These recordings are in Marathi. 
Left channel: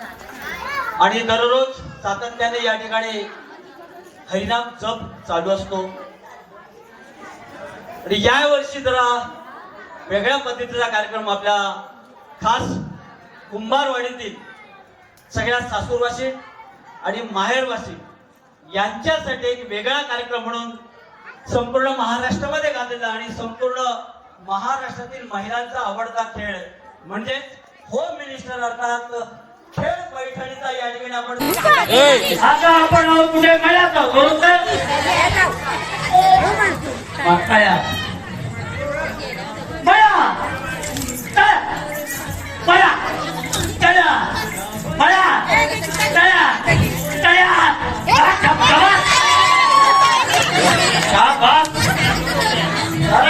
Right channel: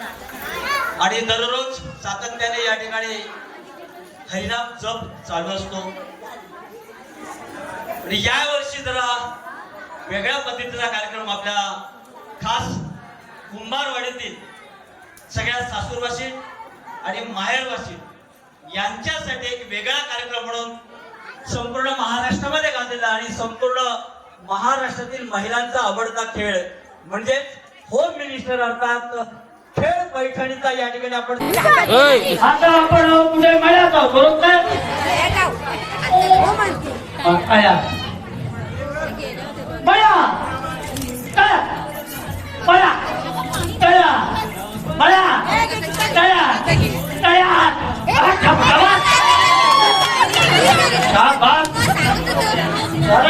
आणि दररोज सातत्याने या ठिकाणी हरिनाम जप चालू असतो. आणि या वर्षी जरा वेगळ्या पद्धतीचा कार्यक्रम आपल्या खास कुंभारवाडीतील सगळ्या सासूरवासी आणि माहेरवासी यांच्यासाठी एक वेगळा कार्यक्रम म्हणून संपूर्ण महाराष्ट्रामध्ये घातलेला आणि संपूर्ण महाराष्ट्रातील महिलांचा आवडता खेळ म्हणजे होम मिनिस्टर अर्थात खेळ पैठणीचा या ठिकाणी आपण आता आपण हो पुढे महिलाचा बरोबर काय बया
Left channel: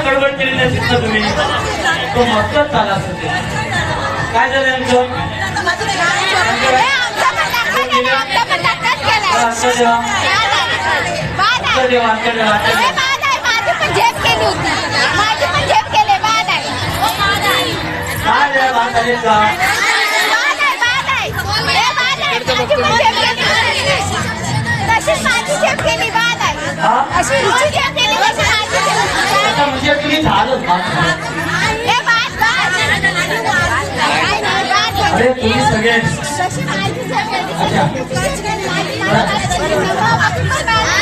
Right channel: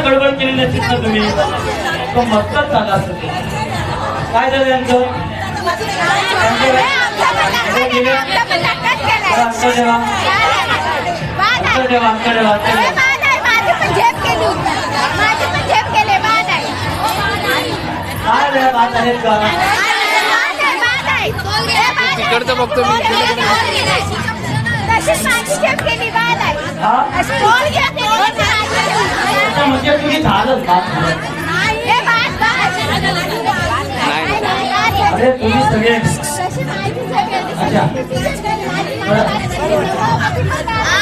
गडबड केलेली असेल ना तुम्ही. तो मस्तच झाला असेल. काय झालं यांचं अंतर बघतो मी झालं अरे तुम्ही सगळे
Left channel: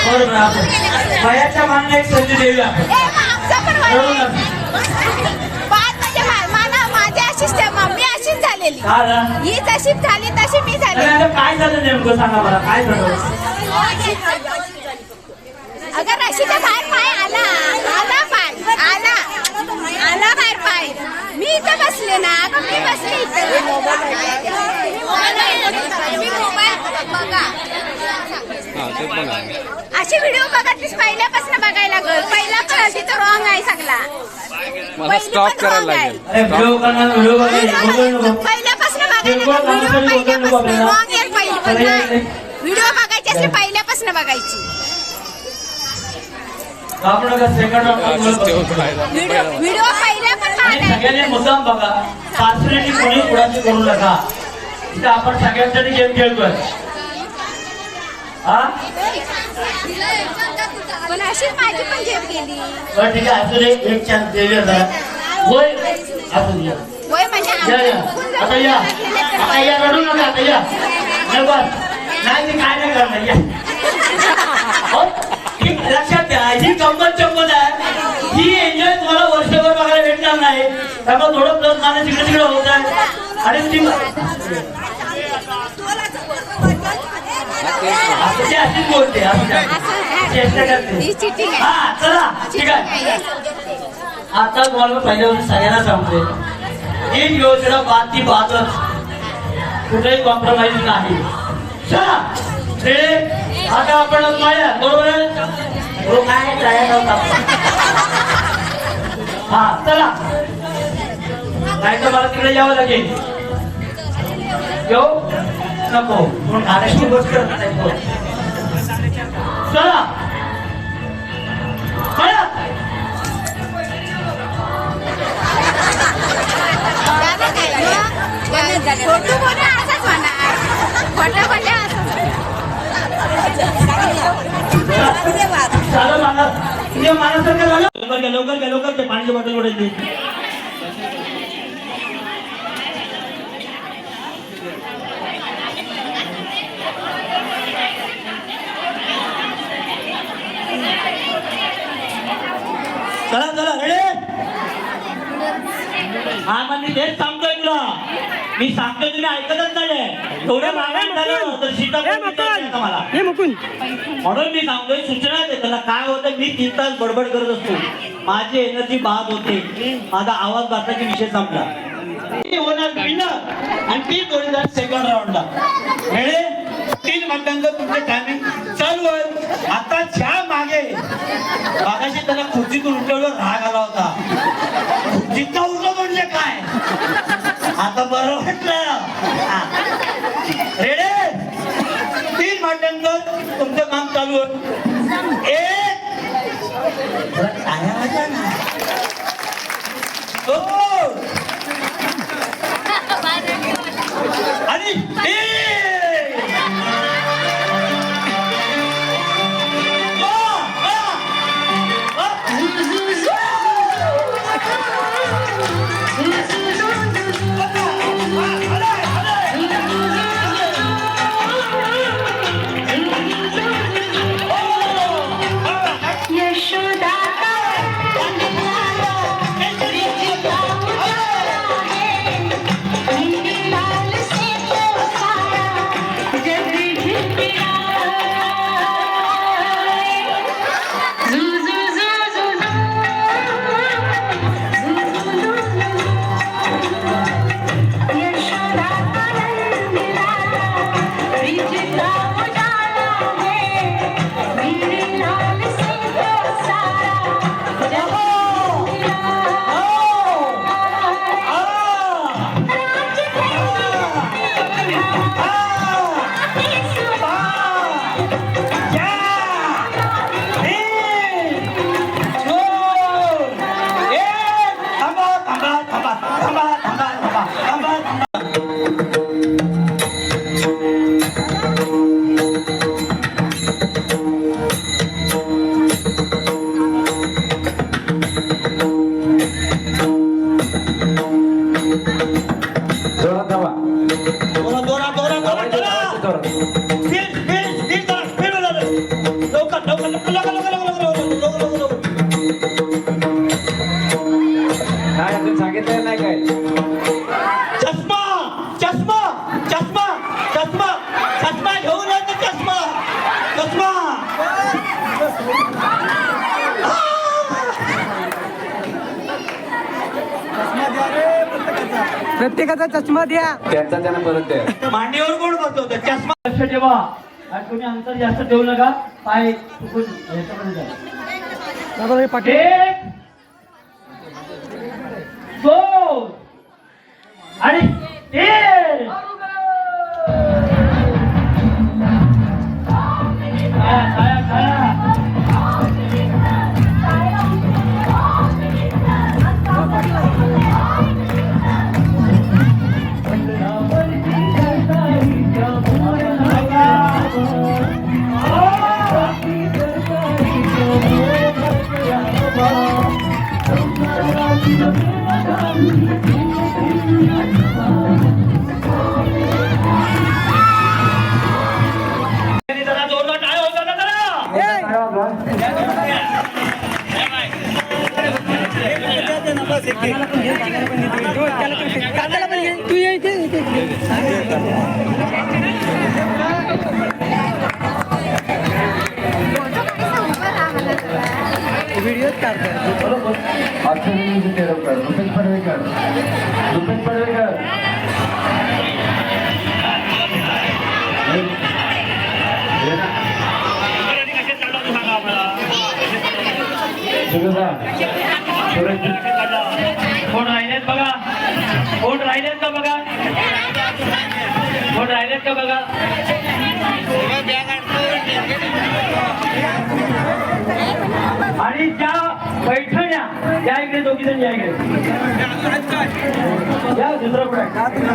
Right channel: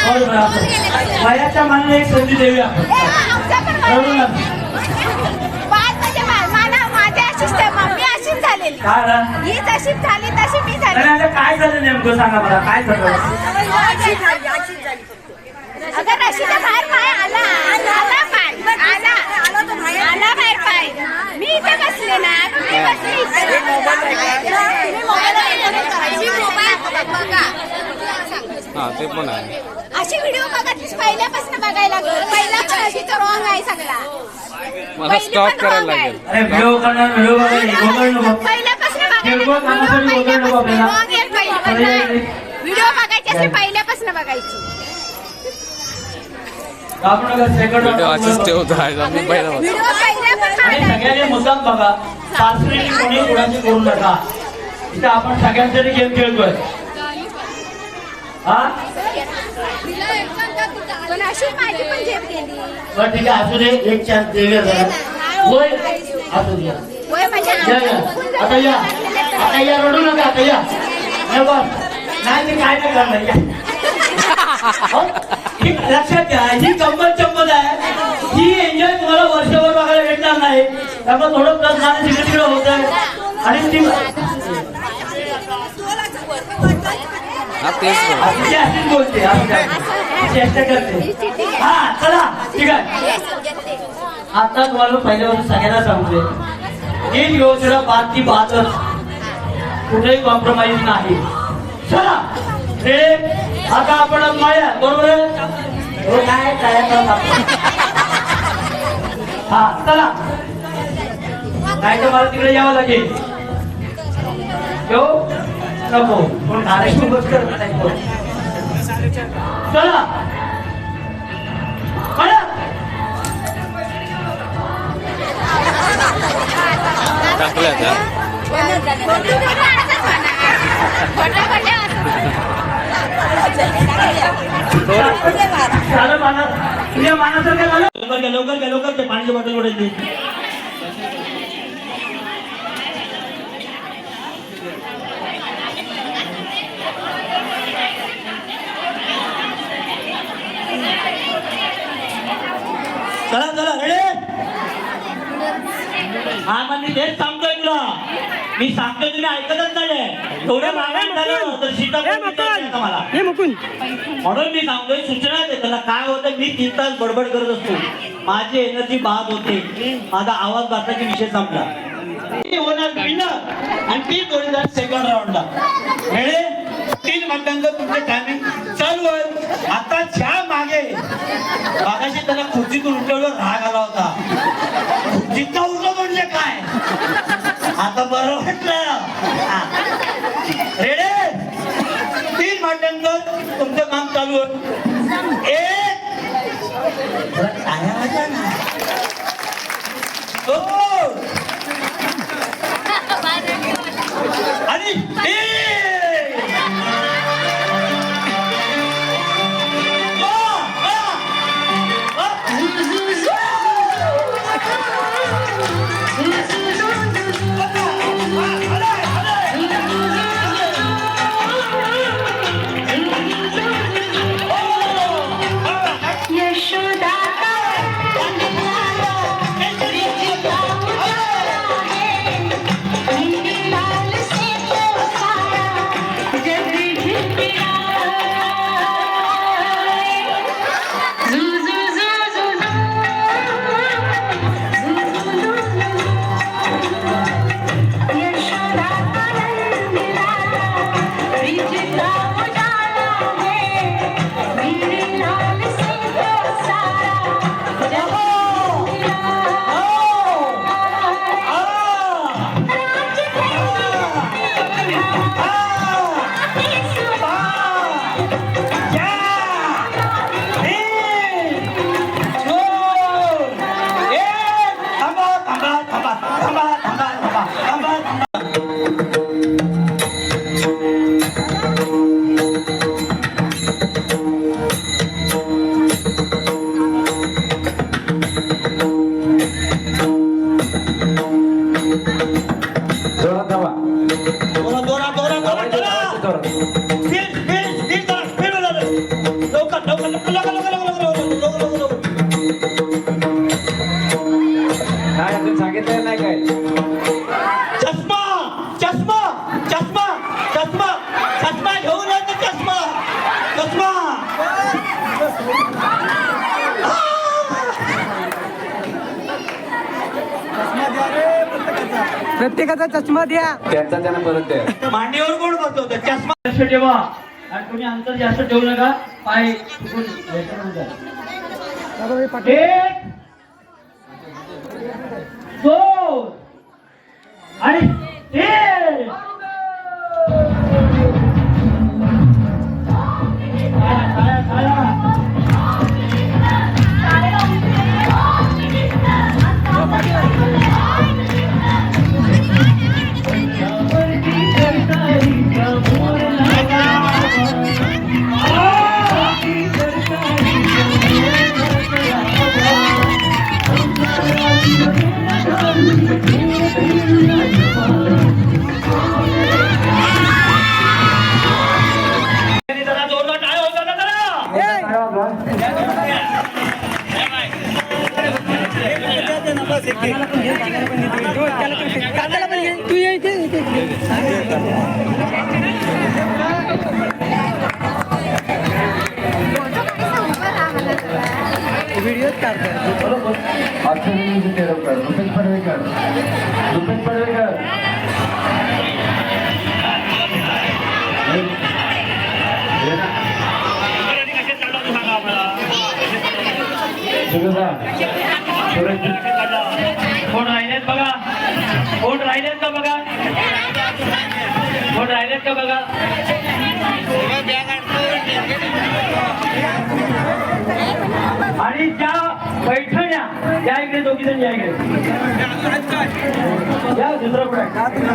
हो, वयाच्या एक संधी देऊया कळून ही मी काय झालं नेमकं? सांगा मला काय झालं? अगं बाहेर पाय आला. आला पाय. आला बाहेर पाय. मी इथे बसले ना अगं मी बसले इथे. मी मोबाईल बघा. हा ते पण आहे. अशी व्हिडिओ बघतलीस? पहिल्यापासून बघायला लागल. पहिला पण अशी तर रॉंग आहे सगळा. मला स्टॉप करायला लागेल. व्हिडिओ करणार व्हिडिओ पहिल्यापासून. व्हिडिओ बघायची असे पहिल्यापासून बघायची. आपण सेकंड असंच ठेवतो. राहायला मोबाईल व्हिडिओ पहिल्यापासून आणि सगळ्यांनी मुद्दाम बघा. सासरी कोणी कोणाची करू नका. इथं आपण सगळ्यांसाठी गेम खेळतोय हा पण अशीच माझी पण झेप गेली बरं ठीक आहे. दे एक चान्स जरा. होय. या. या. आता या. आता या. रडू नका. आता या. अरे बस नाही मी काय नाही करणार. या. हो? लक्षात घ्या. ही गंमत चंपत आहे. ही एन्जॉय तुम्हाला वर्षभर बघायला भेटणार नाही. त्यामुळे थोडं प्लस इकडे तिकडे होत आहे. आणि ती हा काय? आता तुम्हाला पहिल्यावर सगळ्यांना सांगतोय. एक योजना बात ती कुठलाही कॉम्प्रोमाइज नाही. आता आपण माया बरोबर हो काय काय हा चला. नाही तर मला तिकडे यावं लागेल. नको. म्हणून चला. चला. लवकर ते असंच बॉटल फोटो बोलले झालं मला तुझ्या मानासारखं झालं लवकर घ्या लवकर घ्या लवकर ते पाण्याची बॉटल ओढायची चला चला रेडे हा मग मी तेच सांगतोय तुला. मी सांगतोय तुम्ही ऐकतच नाही थोड्या मागायला झालं तर विचारायचं मला. म्हणून मी सांगतोय सूचना दे. त्याला काय होतं मी तीन तास बडबड करत असतो. माझी एनर्जी बाद होते. माझा आवाज बाताची विषय संपला. होणार विनर आणि ती जोडीदार सेकंड राऊंडला रेडे तीन मिनिटांचं तुमचं टायमिंग चालू आहे आता ज्या मागे. मागाशी त्याला खुर्चीतून उठवलं राग आला होता. खुर्चीत उठलं म्हणजे काय? आता बरं वाटलं. रेडे तीन मिनिटांचं तुमचं काम चालू आहे एक. आणि प्रत्येकाचा चष्मा द्या. त्यांचा त्यांना परत द्या. मांडीवर कोण बसवतं चष्मा. लक्ष ठेवा. आणि कोणी अंतर जास्त ठेवू नका. पाय चुकून. एक. दोन. आणि तीन. তুই व्हिडिओ काढतात रुपेश पडवेकर रुपेश पडवेकर कोण राहिलेत का बघा? कोण राहिलेत का बघा? आणि त्या पैठण्या या इकडे दोघी जण या इकडे. या दुसरं पैठणी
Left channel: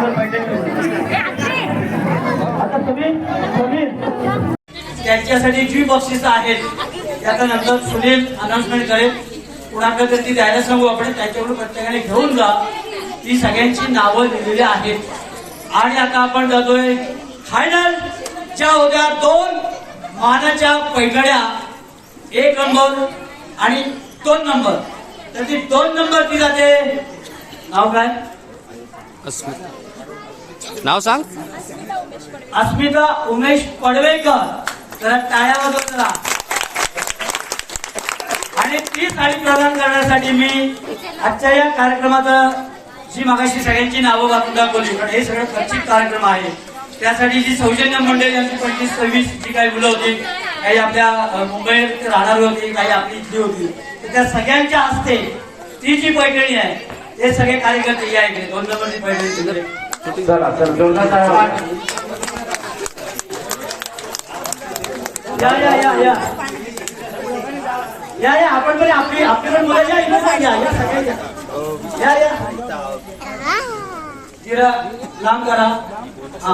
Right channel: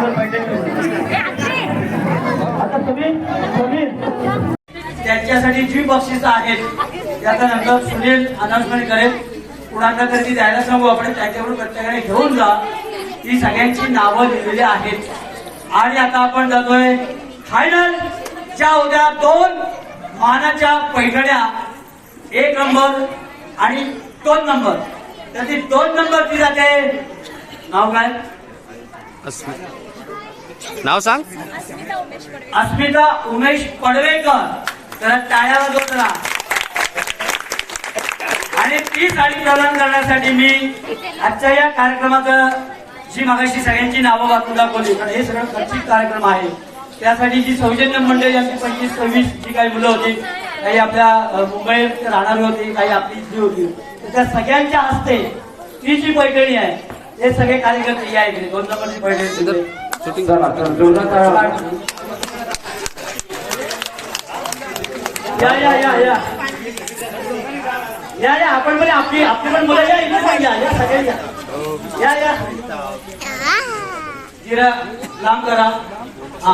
आता तुम्ही तुम्ही त्यांच्यासाठी जी बक्षिस आहेत त्याच्या नंतर सुनील अनाउन्समेंट करेल. कुणाकडे तरी ती द्यायला सांगू आपण. त्याच्याकडून प्रत्येकाने घेऊन जा. ही सगळ्यांची नावं लिहिलेली आहेत. आणि आता आपण जातोय फायनल ज्या होत्या दोन मानाच्या पैठण्या. एक नंबर आणि दोन नंबर त्याची दोन नंबर ती जाते. नाव काय? अस्मिता. नाव सांग. अस्मिता उमेश पडवेकर. तर टाळ्या राहा आणि ती साडी प्रदान करण्यासाठी मी आजच्या या कार्यक्रमाचं जी मागाशी सगळ्यांची नावं वाचून दाखवली. पण हे सगळं खर्चिक कार्यक्रम आहे. त्यासाठी जी सौजन्य मंडळी यांची पंचवीस सव्वीस जी काही मुलं होती काही आपल्या मुंबईत राहणारी होती काही आपली इथली होती. तर त्या सगळ्यांच्या हस्ते ती जी पैठणी आहे ते सगळे कार्यकर्ते या इथे दोन नंबरची पैठणी या या या या. या या आपण पण आपली आपली पण मुलं या इथं या या सगळे या या या. ತೀರಾ ನಾಮಕರ ಹಾ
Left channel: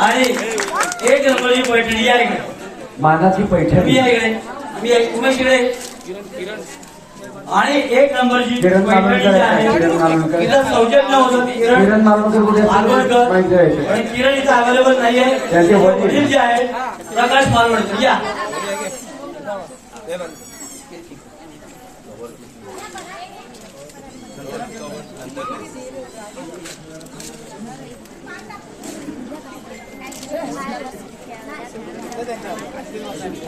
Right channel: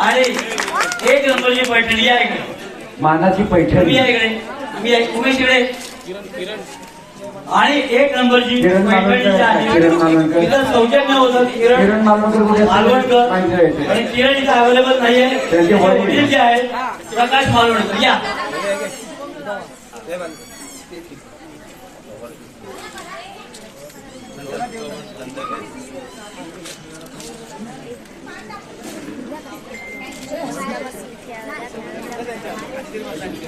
अरे एक जनवरी को ठंडिया मानाची पैठणी. या इकडे मी आहे, उमेश इकडे. आणि एक नंबरची किरण पैठणी आहे. किरण मालवणकर. सौजन्य होतं ती किरण आहे. आणि किरण इथं अवेलेबल नाहीये. वडील. जे आहेत. प्रकाश मालवणकर. या आणि दुसरी एक गोष्ट दुसरी गोष्ट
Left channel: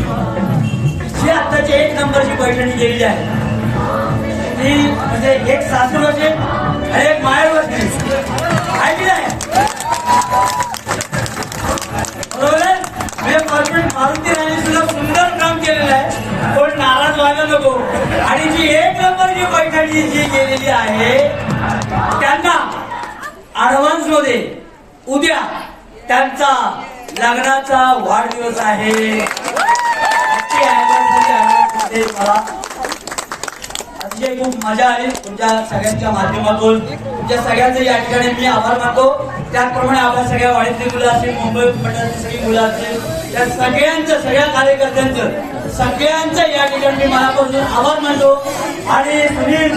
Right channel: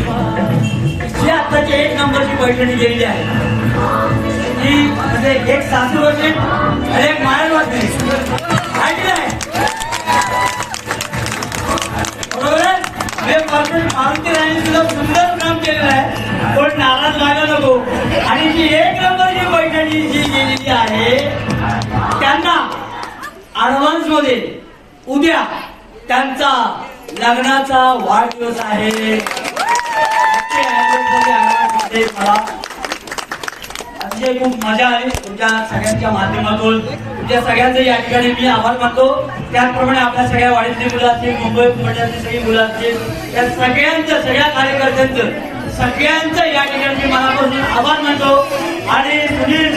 जी आताची एक नंबरची पैठणी गेलेली आहे. ती म्हणजे एक सासूर होते आणि एक माहेर कॉर्पोरेट मारुती राणी सुद्धा सुंदर काम केलेलं आहे. कोण नाराज व्हायला नको. आणि जी एक नंबरची पैठणी जी गेलेली आहे त्यांना अडव्हान्समध्ये उद्या त्यांचा लग्नाचा वाढदिवस आहे. मला अतिशय खूप मजा आली तुमच्या सगळ्यांच्या माध्यमातून तुमच्या सगळ्यांचे या ठिकाणी मी आभार मानतो. त्याचप्रमाणे आपल्या सगळ्या वाडीतली मुलं असतील मुंबई मंडळातली सगळी मुलं असतील त्या सगळ्यांचं सगळ्या कार्यकर्त्यांचं सगळ्यांचं या ठिकाणी मी मनापासून आभार मानतो. आणि सुनील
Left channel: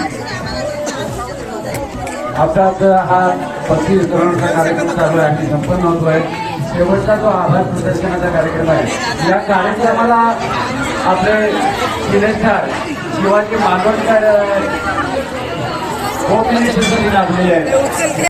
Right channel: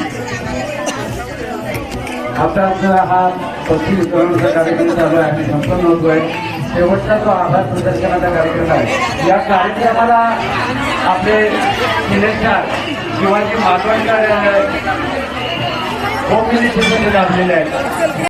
आता हा पक्षी कार्यक्रम चालू आहे संपन्न होतो आहे. शेवटचा जो आभार प्रदर्शनाचा कार्यक्रम आहे. या कार्यक्रमाला आपले selector Shivaji Matondkar home minister लाभलेले आहेत.